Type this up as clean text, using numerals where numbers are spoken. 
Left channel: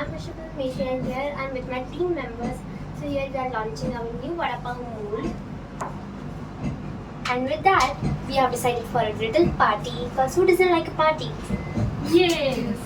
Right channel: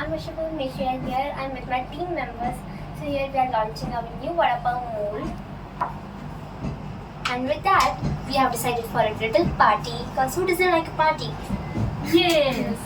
I'm Vishnu and here I'm with my team members. So here we are launching our new Vadapav Mould. And with that, we have decided for a little party because who doesn't like a party? Yes.